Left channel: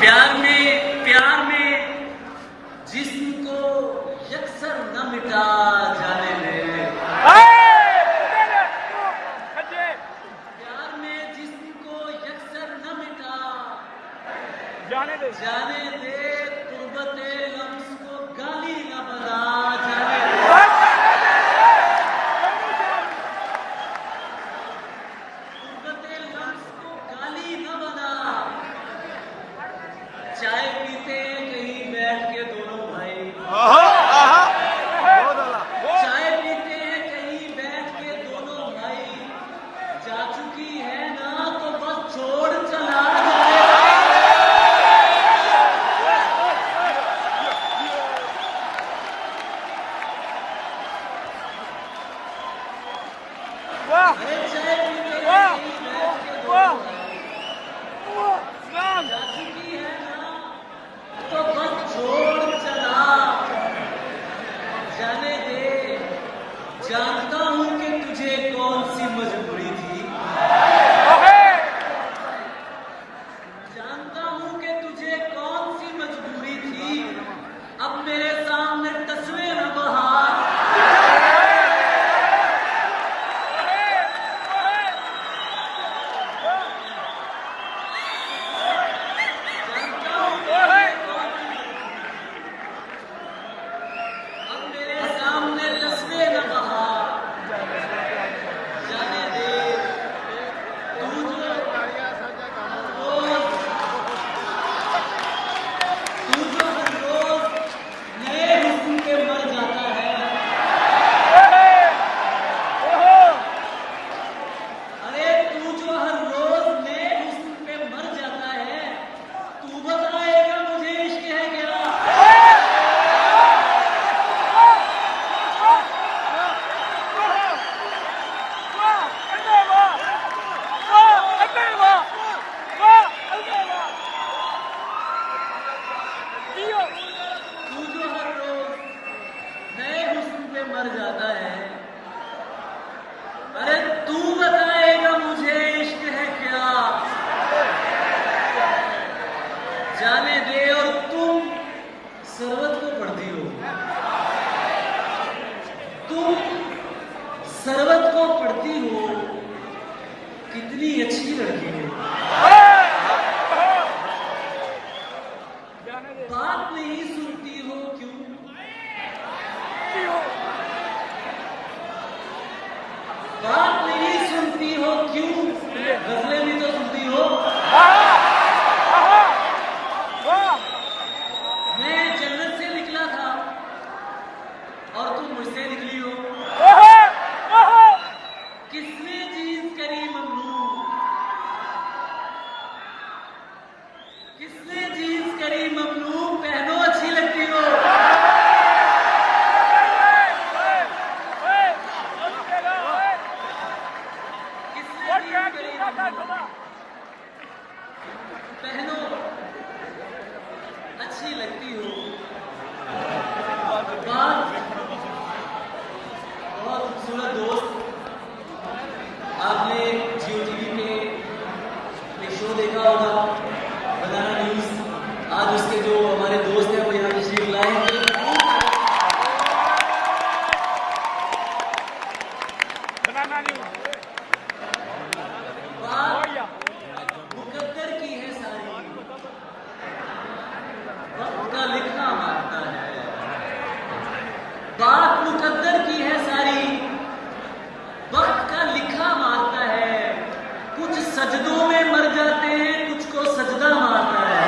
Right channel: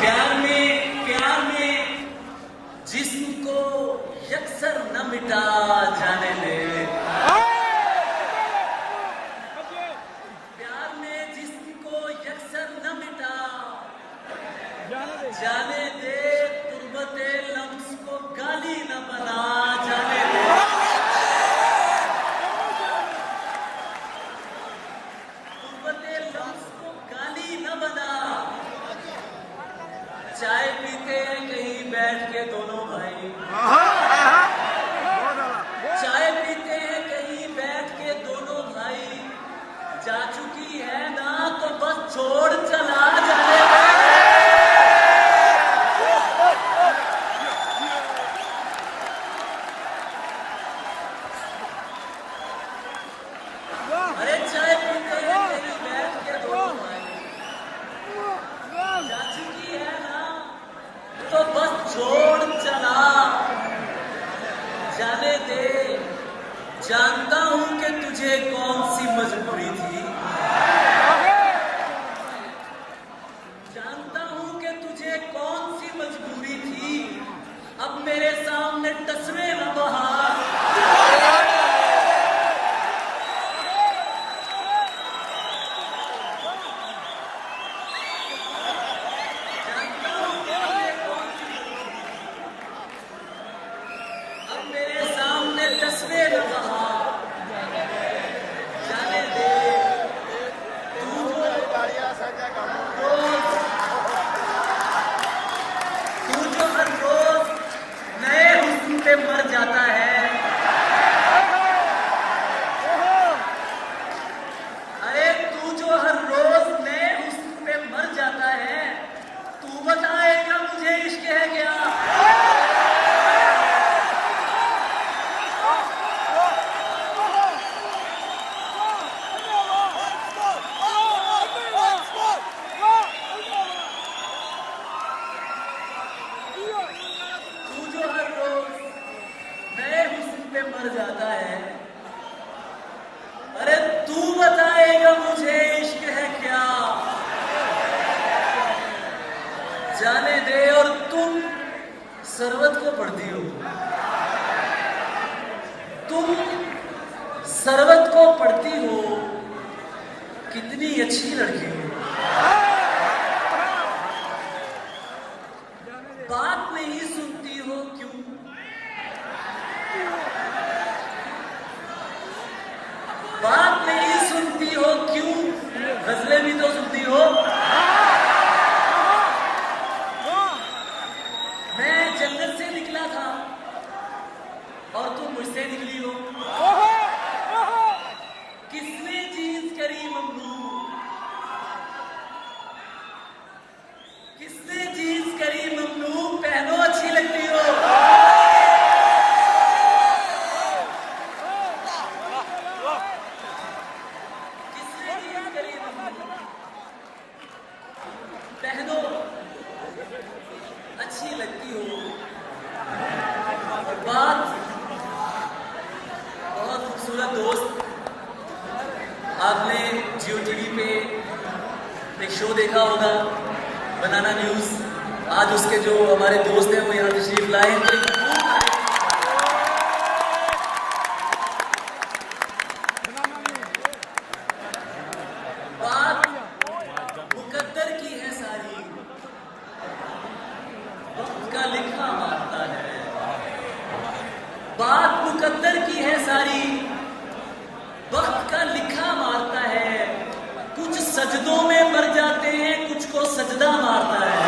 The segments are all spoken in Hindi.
प्यार में जिसको यकसर न मिटा जाने दे, प्यार में जिसको यकसर न मिटा जाने दे, तुर्बते लफ्ज़ को गाली न बना जाने दे, तुर्बते लफ्ज़ को गाली न बना। चाय पीते हैं कहीं बैठ के दोनों भाई, चाय पीते हैं कहीं बैठ के दोनों भाई, जा चुकी है ना तो बस छोड़ चला अरे चाय पीते हैं कहीं बैठ के दोनों भाई, जा चुकी है ना तो बस छोड़ चला जाने दे। जानता हूं कि तुझे कौन सी मजबूरी थी, जानता हूं कि तुझे कौन सी मजबूरी थी, अब मेरे सामने तस्वीर न बहार। मर जाता है, अरे तू बताएगा मुझे इश्क है क्या, जाने दे। और तुम सरवत को पढ़ती हो, तुम सरवत को पढ़ती हो, कितनी अच्छी लड़की हो, बात नहीं सुनती हो क्यों, बात नहीं सुनती हो क्यों, गजलें भी तो सुनती हो। मैं जन्नत से निकला था और तुम मुझसे निकली हो। किसने जीन्स करी मम्नू, किसने जीन्स करी मम्नू, पहनो अच्छी लगती हो। पहनो अच्छी लगती हो। बात बहुत खूबसूरत दोस्त, आपने जियो टीवी पे एक शो देखा होगा बनाना न्यूज, आज उसके जो हमारे दोस्त हैं वो यहाँ तशरीफ लाए हैं। बात मुकद्दर की है सारी, वक्त का लिखा मारता है, कुछ सजदों में मर जाते हैं, कुछ को सजदा मारता है।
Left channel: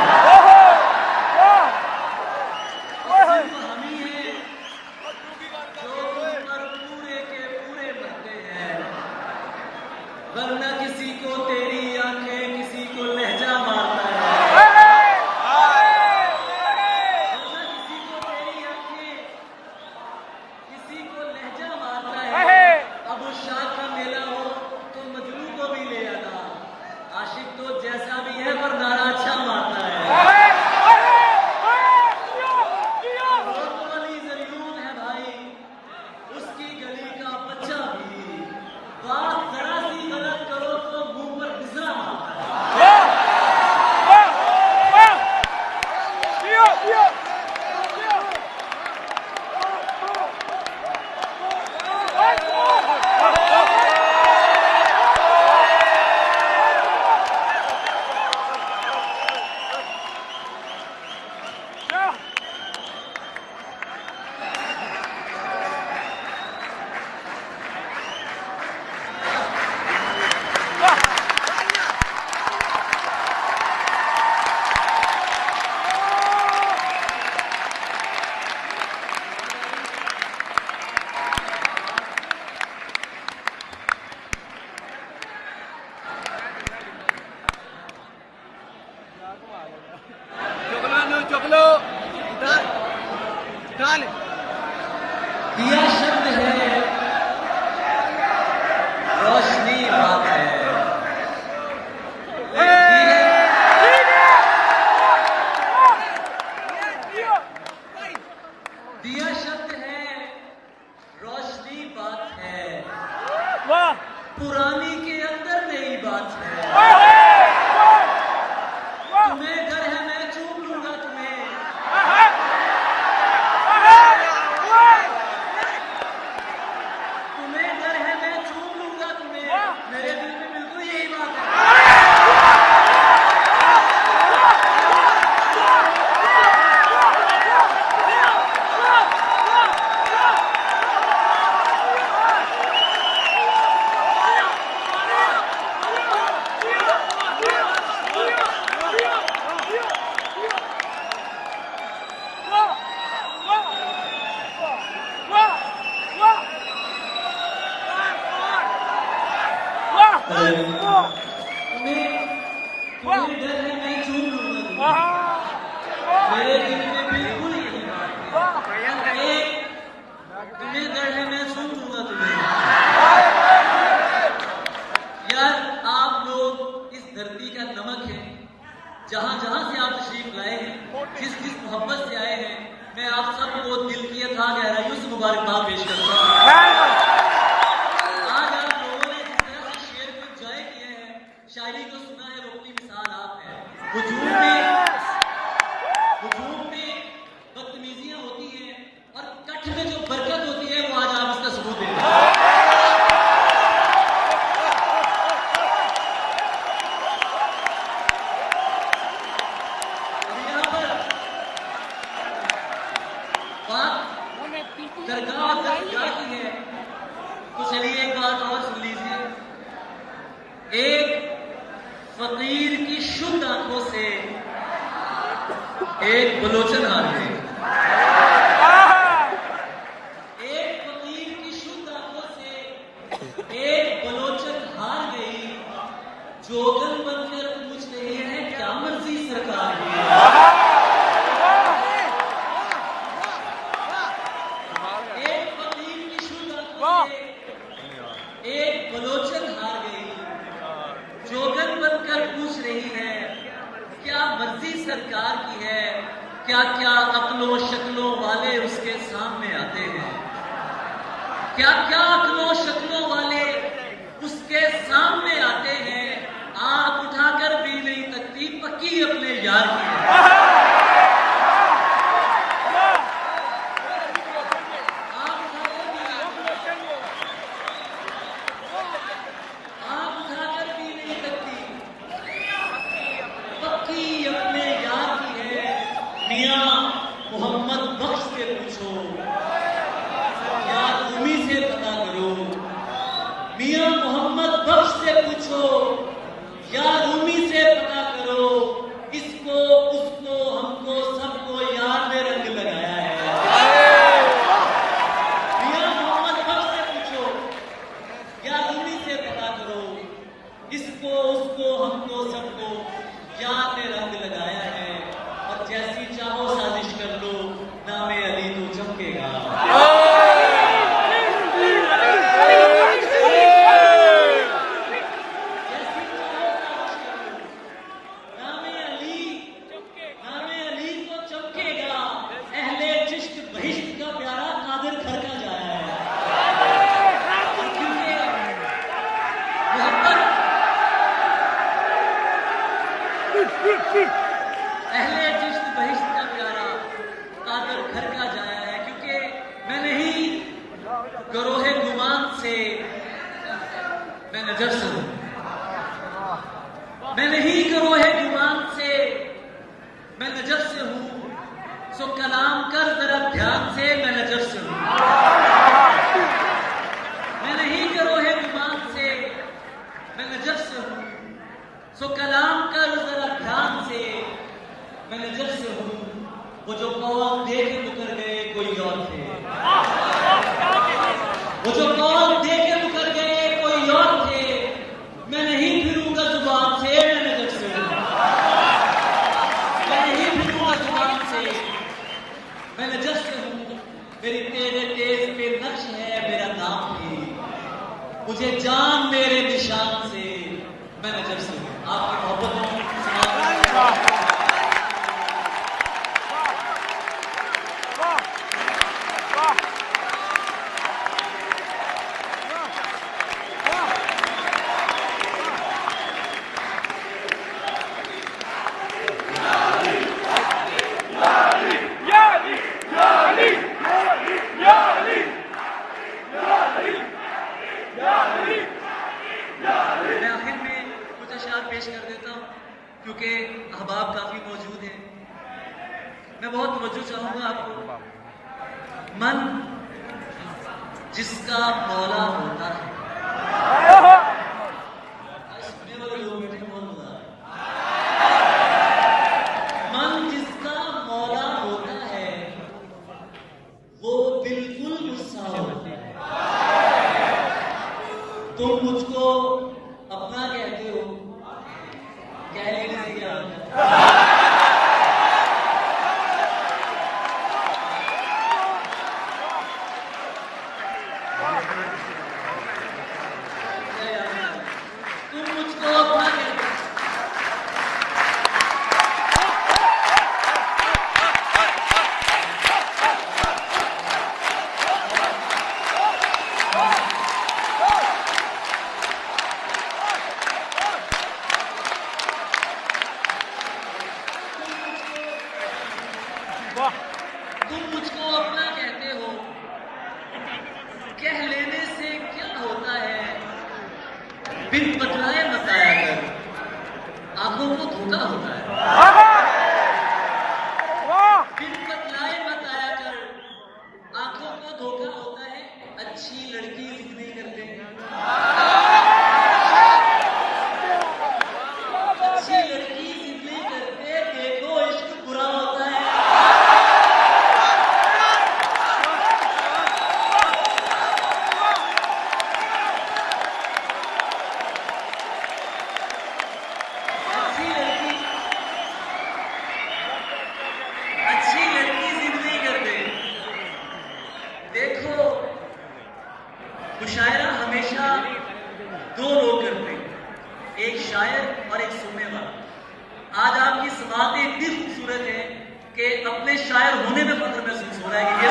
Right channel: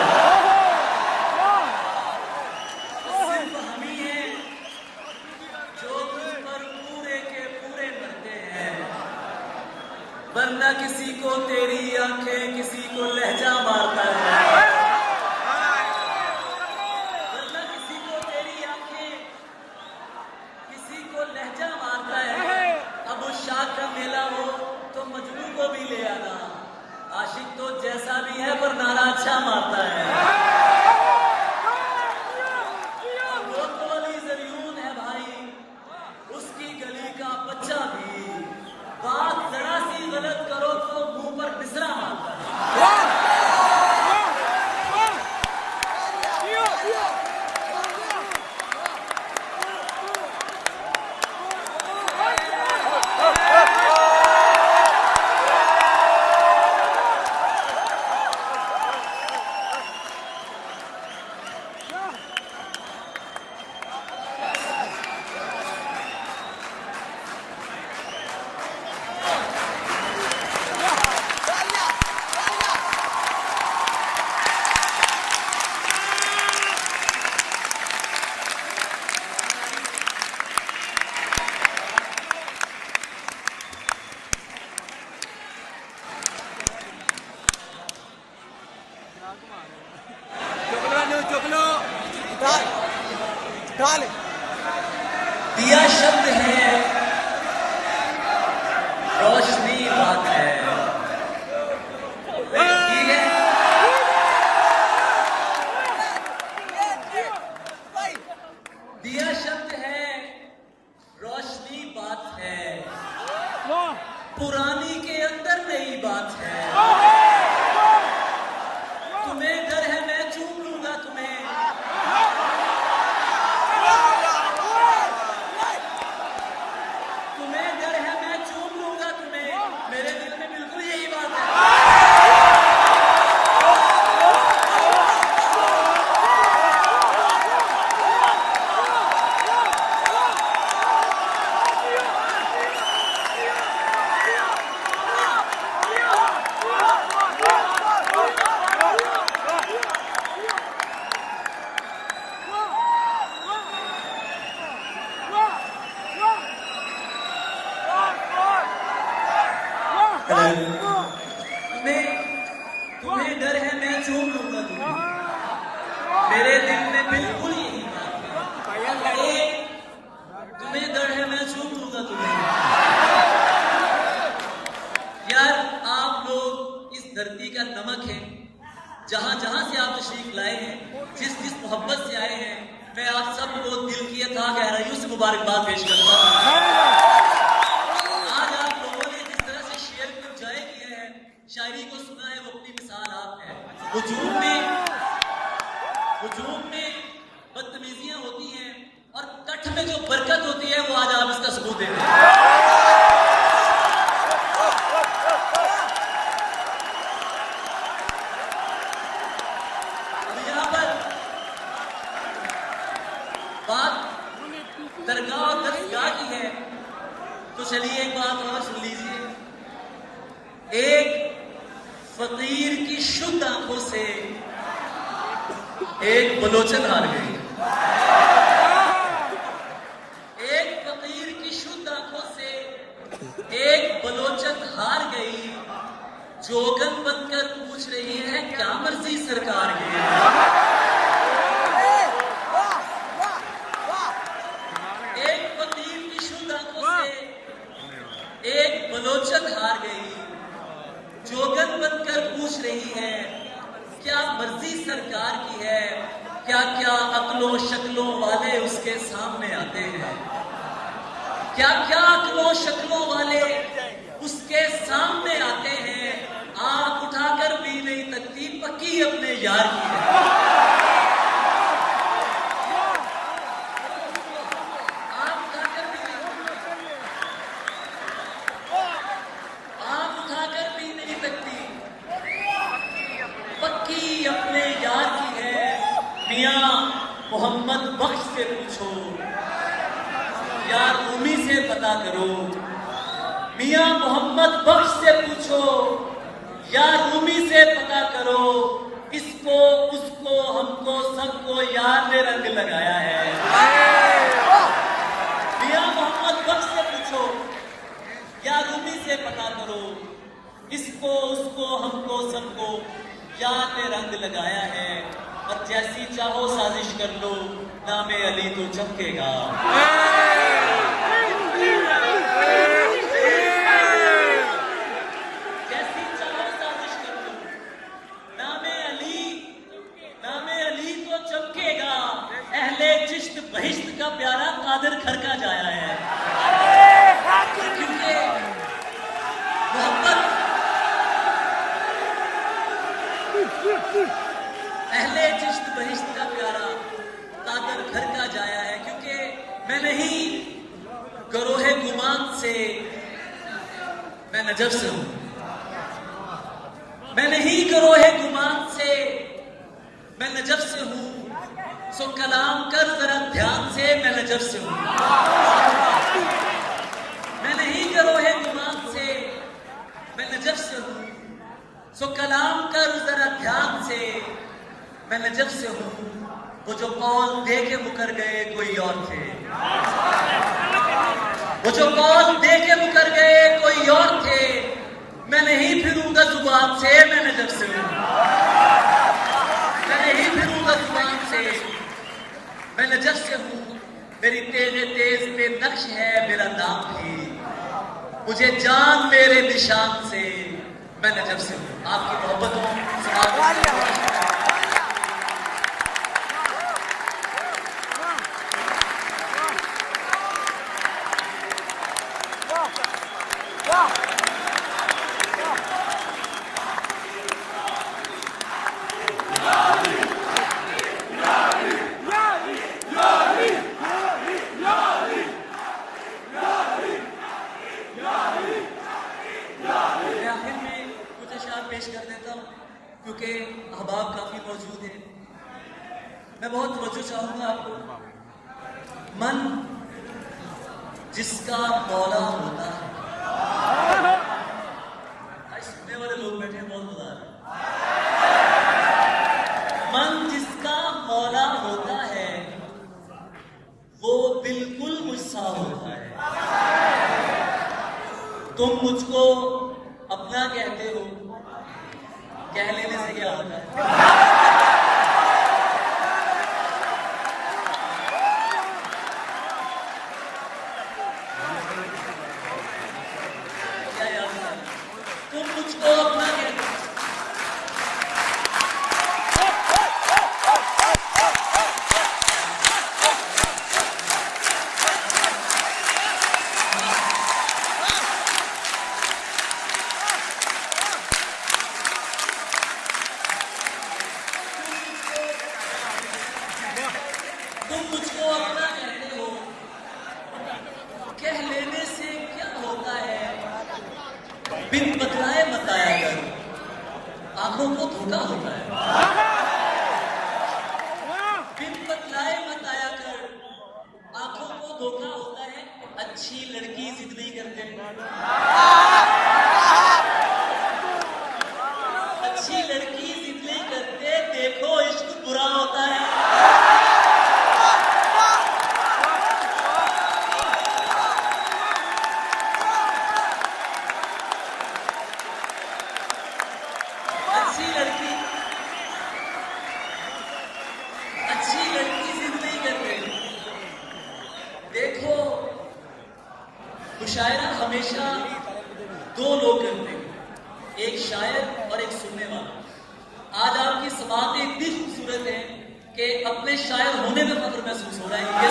चुक लो दिया शब्द है, रोशनी बात है। दिया शब्द है, रोशनी बात है। पुरानी के अंदर नई बात है। तुम्हें डर है मैं चूम लूंगा तुम्हें। तुम्हें डर है मैं चूम लूंगा तुम्हें। मेरे दिल में बिल्कुल यही बात है। तुम्हें डर है मैं चूम लूंगा तुम्हें। मेरे दिल में बिल्कुल यही बात है। तुम्हें डर है मैं चूम लूंगा तुम्हें। यार आप लोग इस धरती का नमक है। जहां जहां से आप तशरीफ लाए हैं, जिस जिस मोहब्बत से आए हैं, मैं आप सबको दिल की अथाह गहराइयों से मुबारकबाद पेश करता हूं। शायरी को सुना है वो अपनी मिसाल आप है। हुजूम में बदतमीजियां होती हैं और कठ में जो बरकत होती है वो आज आप इसका सबूत दे रहे हैं। यहाँ पर बात दरगाह की है, तो चलिए एक बात और सुन लीजिए। एक फकीर की शुद्ध आंखों से एक बलोचन हार गई। एक फकीर की शुद्ध आंखों से एक बलोचन हार गई। जोगन बनकर पूछ रही है क्या मर्जी सरकार की। एक फकीर की शुद्ध आंखों से एक बलोचन हार गई। जोगन बनकर पूछ रही है क्या मर्जी सरकार की है। क्या क्या अक्लों शक्लों वाले उसके सामने आते हैं। क्या क्या अक्लों शक्लों वाले उसके सामने आते हैं। आंख उठाकर भी नहीं तकती पक्की अपने यार की है। मोहम्मद बख्श से पूछो यार उम्मी से पता करो। मियां मोहम्मद बख्श से पूछो यार उम्मी से पता करो। इसको उसको हमको सबको यार ने रंग लगाया है। मियां मोहम्मद बख्श से पूछो यार उम्मी से पता करो। इसको उसको हमको सबको यार ने रंग लगाया है। और जैसी चाहो साजिश कर लो नामे अली तो चमकेगा। जैसी चाहो साजिश कर लो नामे अली तो चमकेगा। अहले चिश्त बहिश्त का प्यारा कादिर घर का जाया है। क्योंकि अहले चिश्त बहिश्त का प्यारा कादर घर का जाया है। क्योंकि मैं नहीं गरोहे गुमान से मैं नजर से हूं। मैं नहीं गरोहे गुमान से मैं नजर से हूं। सो कलाम कर जरा ध्यान से मैं नजर से हूं। मैं नहीं गरोहे गुमान से मैं नजर से हूं। सो कलाम कर जरा ध्यान से मैं नजर से हूं। वो जो कौल दे के मुकर गए कोई और थे। वो जो कौल दे के मुकर गए कोई और थे। मैं नहीं फिरूंगा जुबान से मैं नजर से हूं। मैं नजर से हूँ, मेरी तेज तेज पे नक्श है मेरा नाम भी, मुझे जान मेरे निशान से, मैं नजर से हूँ। आपकी मोहब्बतों क्योंकि अहबाब काफी मौजूद हैं, मैं बहुत तवज्जो चाहूंगा आपको। मन जिसका मौला होता है, सुनने वाले लोग बैठे बहुत मजा आ रहा है। मन जिसका मौला होता है वो बिल्कुल गुस्सा होता है। तुम मुझको अपना कहते हो, कह लेने से क्या होता है? तुम मुझको अपना कहते हो। तुम मुझको अपना कहते हो, कह लेने से क्या होता है? बिन बतलाए बताया कर, आंखों को धोखा होता है। बिन बतलाए बताया कर, आंखों को धोखा होता है। अच्छी लड़की जिद नहीं करते, अच्छी लड़की जिद नहीं करते, देखो इश्क बुरा होता है। अच्छी लड़की जिद नहीं करते। देखो मुशायरा हमेशा दो लोग करते हैं, एक शायर और एक सुनने वाला। आज आपकी समातें इतनी खूबसूरत है कि अपने शायर होने में फख्र महसूस हो रहा है। ये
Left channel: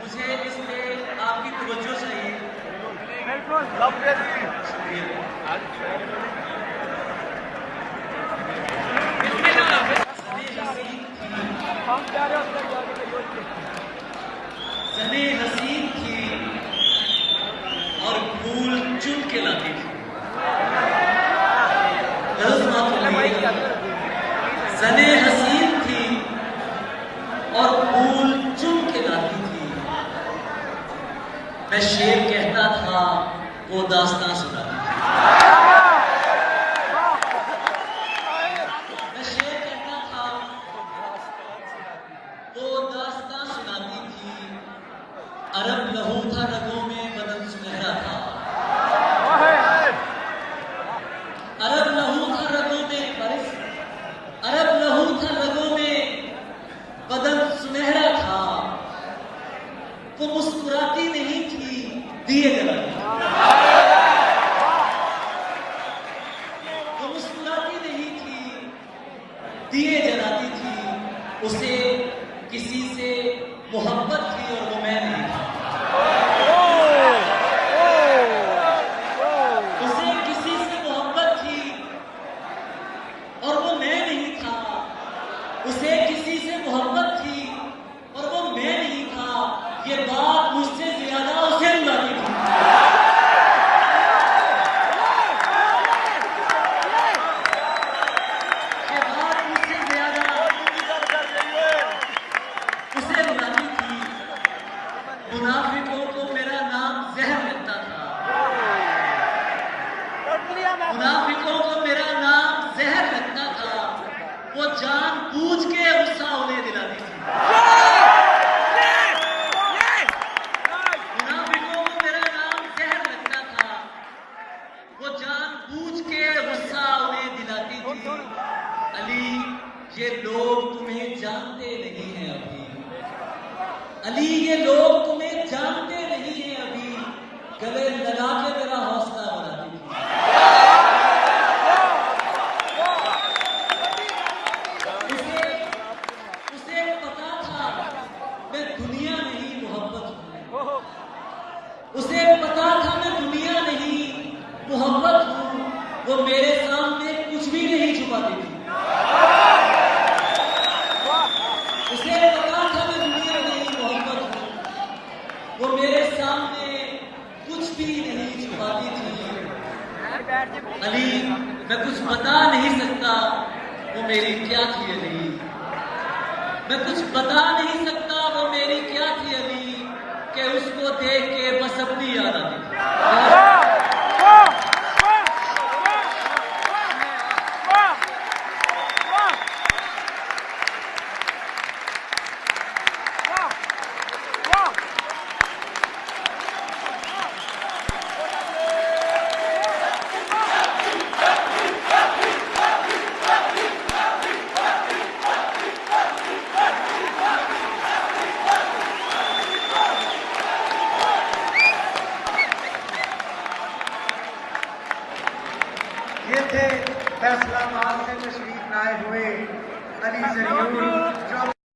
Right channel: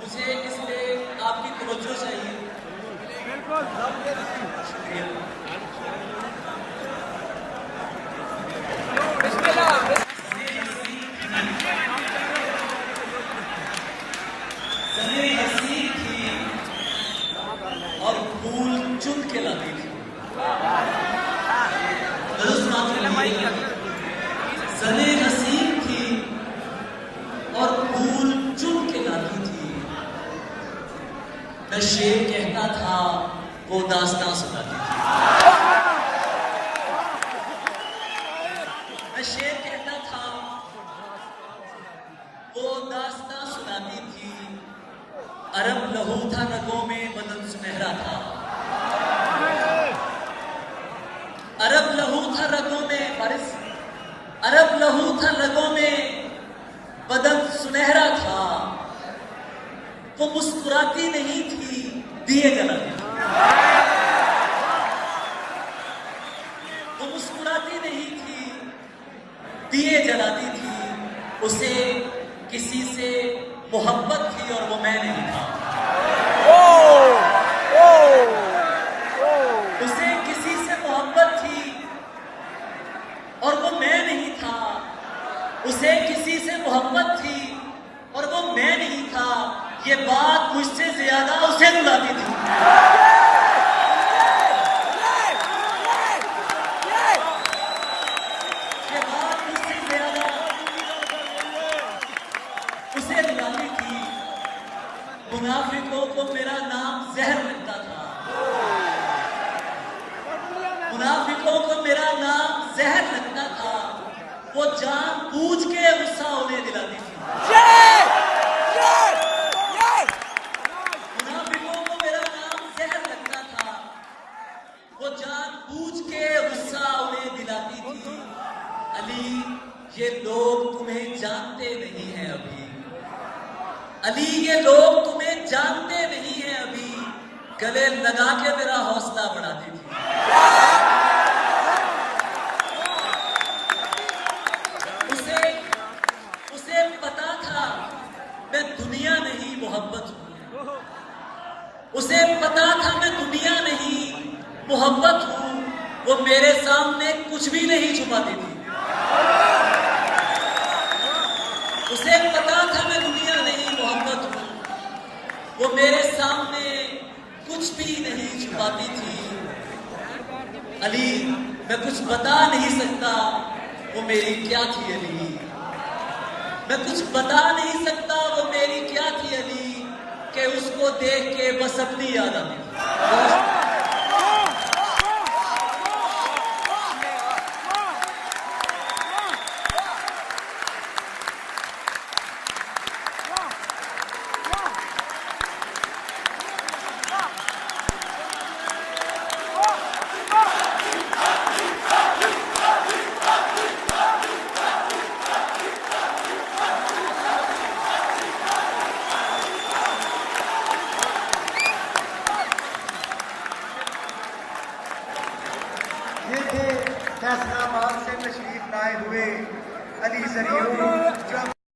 मुझे इसलिए आपकी तवज्जो चाहिए। बिल्कुल सने हसी थी और फूल चुन के लाती थी। सने हसी थी और फूल चुन के लाती थी। मैं शेर कहता था, वो दास्तां सुनाती थी। मैं शेर कहता था, वो दास्तां सुनाती थी। अरब लहू था रगों में, बदन सुनहरा था। अरब लहू था रगों में, अरब लहू था रगों में, बदन सुनहरा था। वो मुस्कुराती नहीं थी, दिए जलाती थी। वो मुस्कुराती नहीं थी, दिए जलाती थी। उसे किसी से मोहब्बत थी और वो मैं नहीं था। उसे किसी से मोहब्बत थी और वो मैं नहीं था। उसे किसी से मोहब्बत थी और वो मैं नहीं था। ये बात मुझसे ज्यादा उसे रुलाती थी। ये बात मुझसे ज्यादा उसे रुलाती थी। अली ये लोग तुम्हें जानते नहीं हैं अभी, गले लगा के मेरा हौसला बढ़ाती थी। उसे पता था मैं दुनिया नहीं मोहब्बत हूं, उसे पता था मैं दुनिया नहीं मोहब्बत हूं, वो मेरे सामने कुछ भी नहीं छुपाती थी। उसे पता था मैं दुनिया नहीं मोहब्बत हूं, वो मेरे सामने कुछ भी नहीं छुपाती थी। अली मैं कुछ बता नहीं सकता वो मेरी क्या थी अली, मैं कुछ बता नहीं सकता वो मेरी क्या थी अली, कि उसको देख के बस अपनी याद आती थी। ये थे फैसलाबाद से तशरीफ लाए हुए अली ज़रीउर।